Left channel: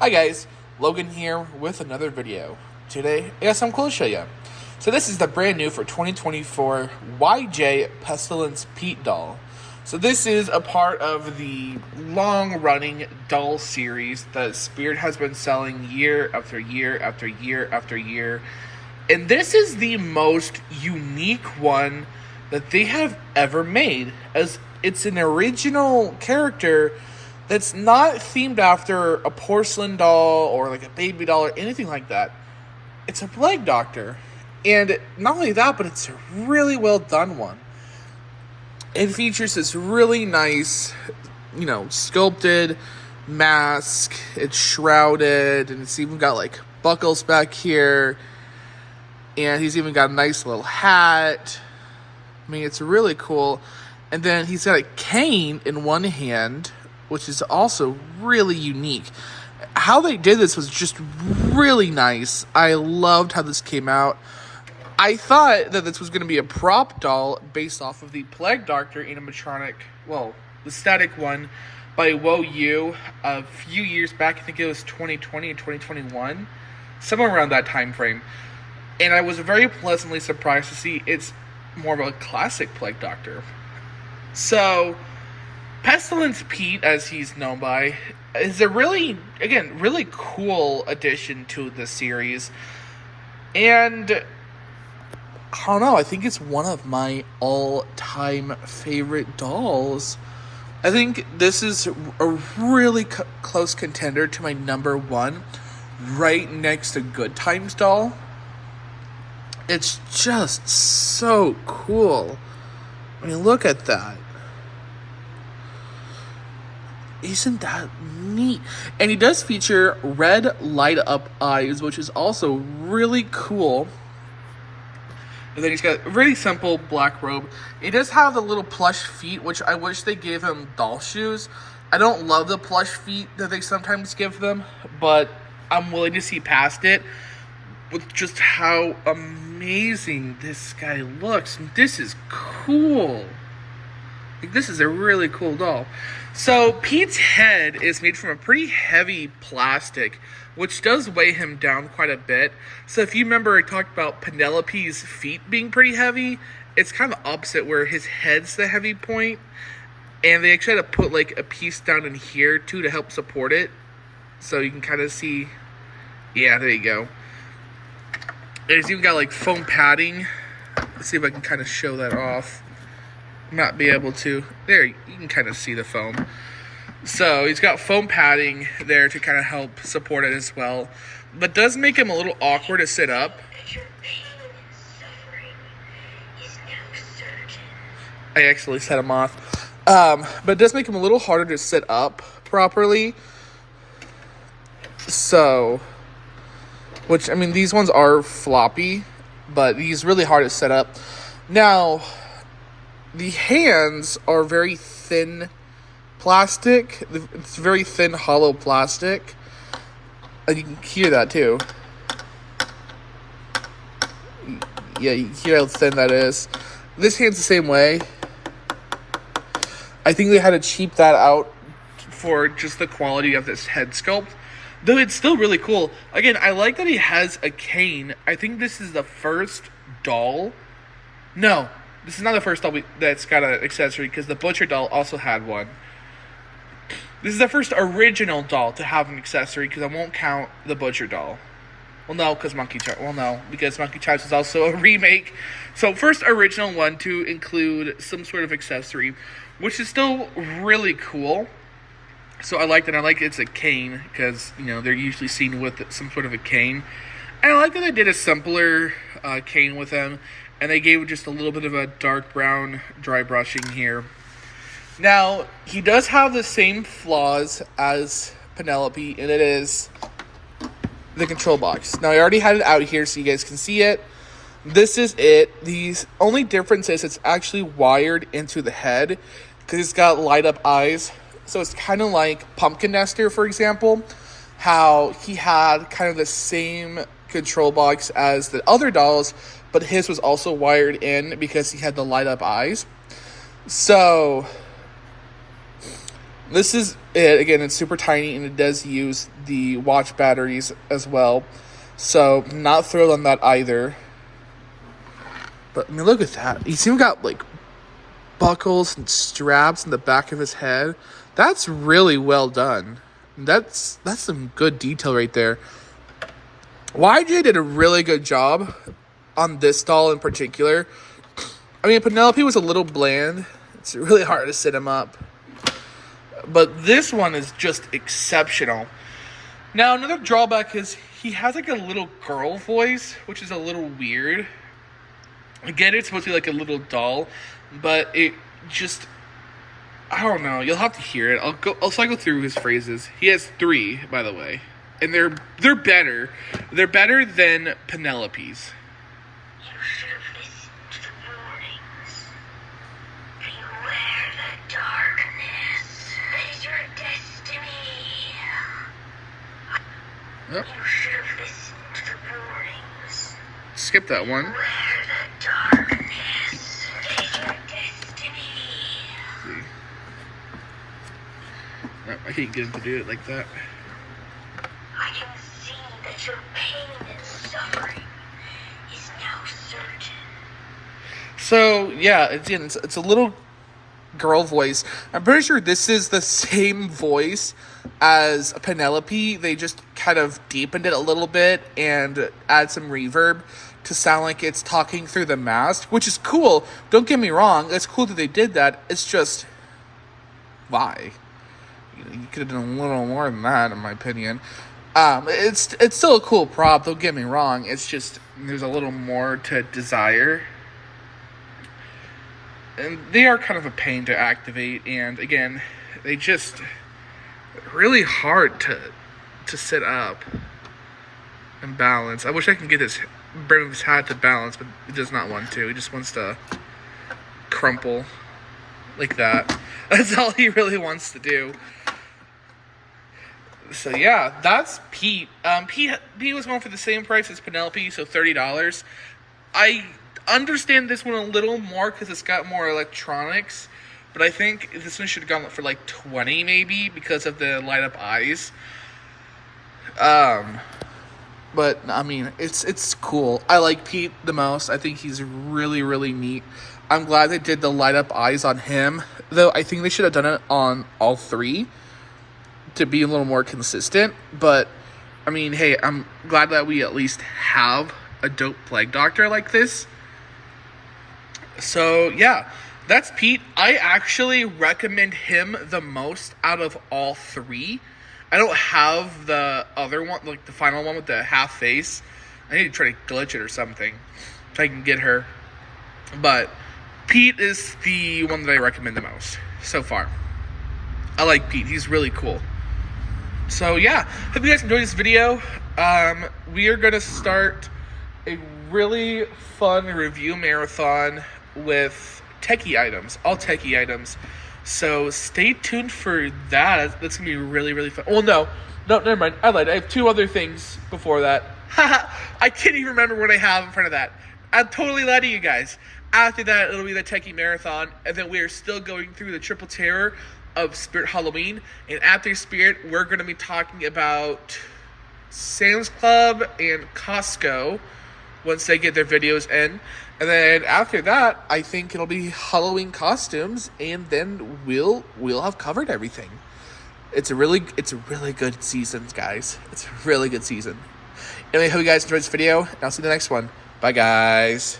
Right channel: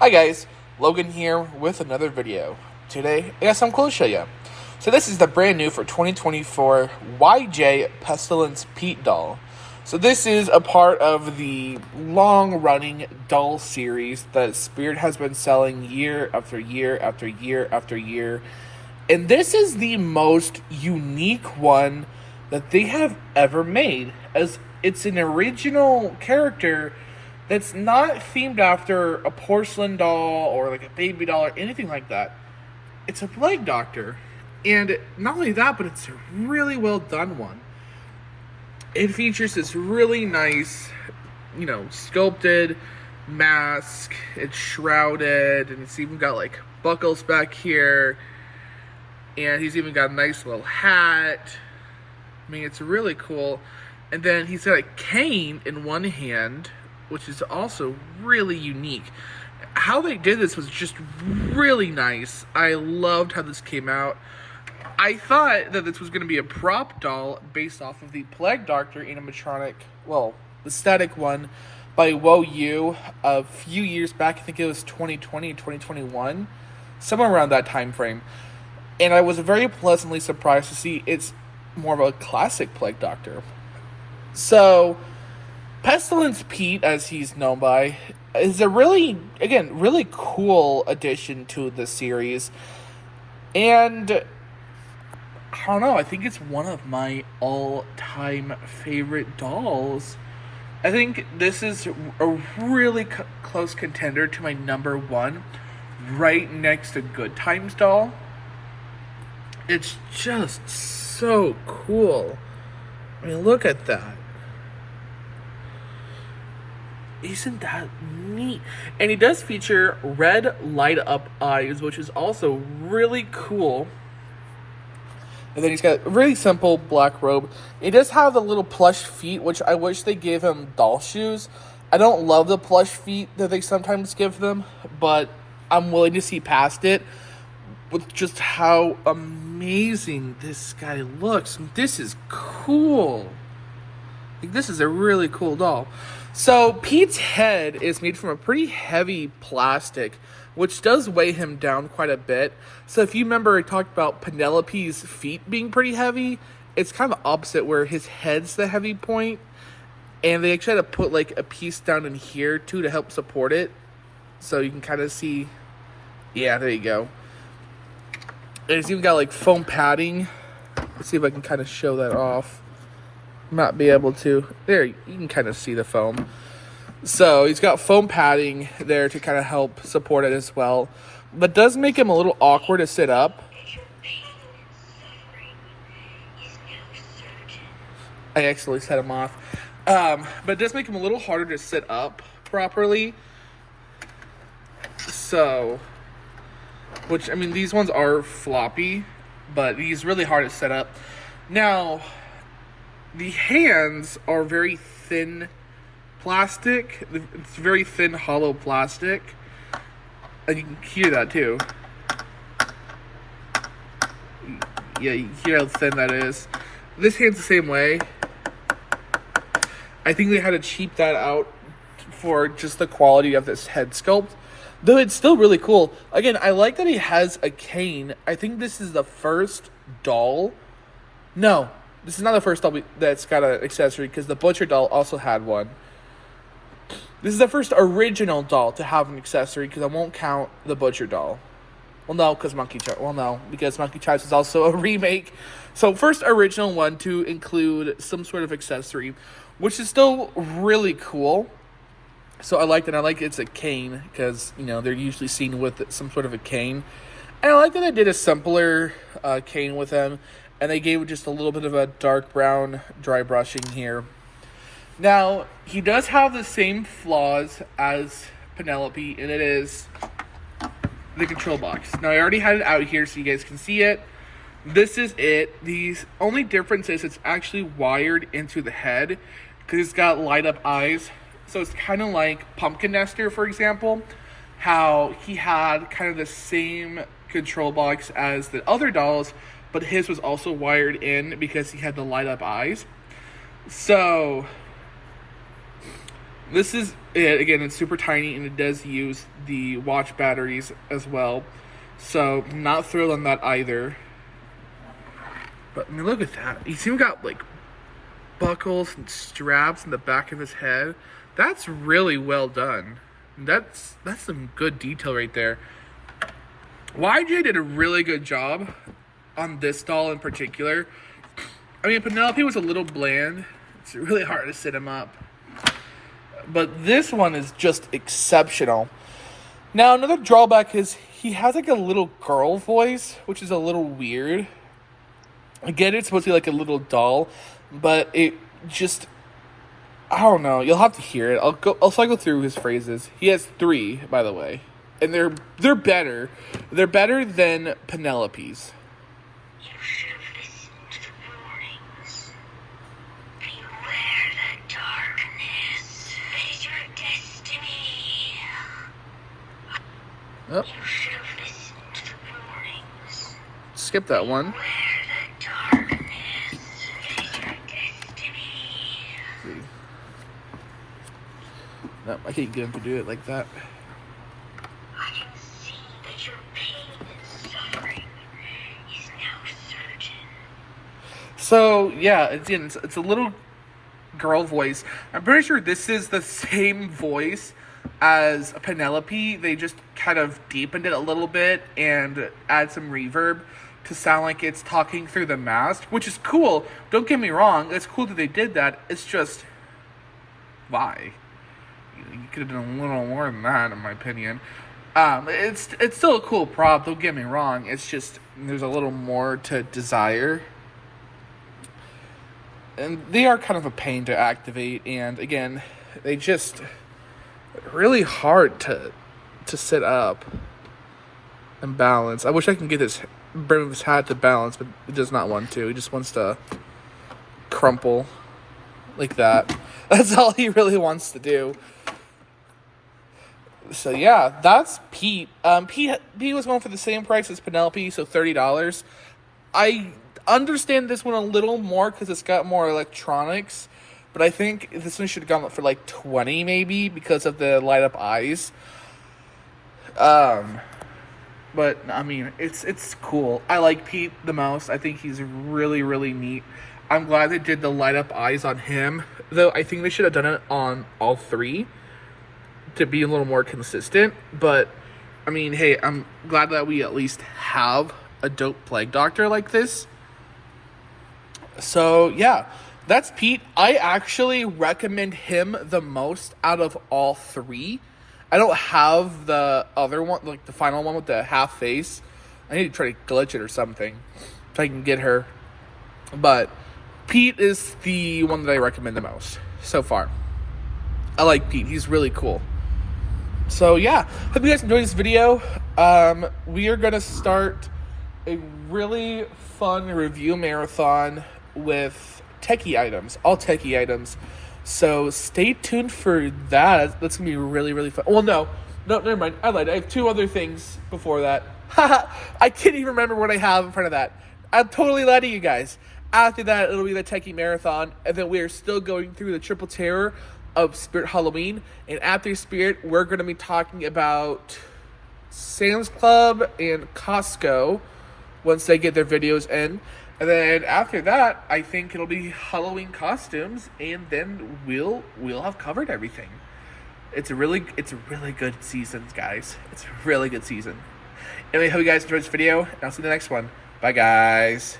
Hi guys, Logan here with another video. Today, I got something cool to show you. So this is the brand new for 2024 YJ Pestilence Pete doll. So this is a part of the long-running doll series that Spirit has been selling year after year after year after year. And this is the most unique one that they have ever made, as it's an original character that's not themed after a porcelain doll or like a baby doll or anything like that. It's a plague doctor. And not only that, but it's a really well done one. It features this really nice, sculpted mask. It's shrouded, and it's even got like buckles back here. And he's even got a nice little hat. I mean, it's really cool. And then he's got a cane in one hand, which is also really unique. How they did this was just really nice. I loved how this came out. I thought that this was going to be a prop doll based off of the Plague Doctor animatronic, the static one by Wo Yu a few years back. I think it was 2020 and 2021, somewhere around that time frame. And I was very pleasantly surprised to see it's more of a classic Plague Doctor. So Pestilence Pete, as he's known by, is a really cool addition to the series. And I don't know, I think it's one of my all-time favorite dolls. I think this is a really close contender to my number one, right next to Good Times doll. It's just so cool. I mean, look at that. Isn't that neat? And he does feature red light-up eyes, which is also really cool. And then he's got a really simple black robe. He does have the little plush feet, which I wish they gave him doll shoes. I don't love the plush feet that they sometimes give them, but I'm willing to see past it with just how amazing this guy looks. This is cool. Like, this is a really cool doll. So Pete's head is made from a pretty heavy plastic, which does weigh him down quite a bit. So if you remember, I talked about Penelope's feet being pretty heavy. It's kind of opposite, where his head's the heavy point. And they actually had to put like a piece down in here too to help support it. So you can kind of see, yeah, there you go. And it's even got like foam padding. Let's see if I can kind of show that off. Not be able to. There, you can kind of see the foam. So he's got foam padding there to kind of help support it as well. But does make him a little awkward to sit up. I actually set him off. But it does make him a little harder to sit up properly. So, which, I mean, these ones are floppy, but he's really hard to set up. Now, the hands are very thin plastic. It's very thin, hollow plastic. And you can hear that too. Yeah, you hear how thin that is. This hand's the same way. I think they had to cheap that out for just the quality of this head sculpt. Though it's still really cool. Again, I like that he has a cane. I think this is the first doll. No, this is not the first doll that's got an accessory, because the Butcher doll also had one. This is the first original doll to have an accessory, because I won't count the Butcher doll. Well, no, because Monkey Chimes is also a remake. So first original one to include some sort of accessory, which is still really cool. So I like that. I like it's a cane, because, they're usually seen with some sort of a cane. And I like that they did a simpler cane with them, and they gave it just a little bit of a dark brown dry brushing here. Now, he does have the same flaws as Penelope, and it is the control box. Now, I already had it out here so you guys can see it. This is it. The only difference is it's actually wired into the head, because it's got light-up eyes. So it's kind of like Pumpkin Nester, for example, how he had kind of the same control box as the other dolls, but his was also wired in because he had the light-up eyes. So This is it. Again, it's super tiny, and it does use the watch batteries as well. So, not thrilled on that either. But, I mean, look at that. You see him got, like, buckles and straps in the back of his head. That's really well done. That's some good detail right there. YJ did a really good job on this doll in particular. I mean, Penelope was a little bland. It's really hard to sit him up. But this one is just exceptional. Now, another drawback is he has like a little girl voice, which is a little weird. Again, it's supposed to be like a little doll, but it just, I don't know. You'll have to hear it. I'll cycle through his phrases. He has 3, by the way, and they're better. They're better than Penelope's. You should have listened to the warnings. Beware the darkness. It is your destiny. Yep. You should have listened to the warnings. Skip that one. Beware the darkness. It is your destiny. See. Nope, I can't get him to do it like that. I can see that your pain and suffering is now certain. So, yeah, it's a little girl voice. I'm pretty sure this is the same voice as Penelope. They just kind of deepened it a little bit and add some reverb to sound like it's talking through the mask, which is cool. Don't get me wrong. It's cool that they did that. It's just, why? You could have done a little more than that, in my opinion. It's still a cool prop. Don't get me wrong. It's just there's a little more to desire, and they are kind of a pain to activate. And again, they just really hard to set up and balance. I wish I can get bring this hat to balance, but it does not want to. He just wants to crumple like that. That's all he really wants to do. So yeah, that's Pete. Pete was going for the same price as Penelope, so $30. I understand this one a little more because it's got more electronics, but I think this one should have gone for like $20 maybe because of the light up eyes. But I mean, it's cool. I like Pete the most. I think he's really, really neat. I'm glad they did the light up eyes on him, though I think they should have done it on all 3 to be a little more consistent. But I mean, hey, I'm glad that we at least have a dope plague doctor like this. So yeah, that's Pete. I actually recommend him the most out of all 3. I don't have the other one, like the final one with the half face. I need to try to glitch it or something so I can get her. But Pete is the one that I recommend the most so far. I like Pete. He's really cool. So yeah, hope you guys enjoyed this video. We are going to start a really fun review marathon with techie items, all techie items. So stay tuned for that. That's going to be really, really fun. Well, no, never mind. I lied. I have 2 other things before that. I can't even remember what I have in front of that. I'm totally lying to you guys. After that, it'll be the techie marathon. And then we are still going through the triple terror of Spirit Halloween. And after Spirit, we're going to be talking about Sam's Club and Costco once they get their videos in. And then after that, I think it'll be Halloween costumes, and then we'll have covered everything. It's a really good season, guys. It's a really good season. Anyway, hope you guys enjoyed this video, and I'll see you in the next one. Bye, guys.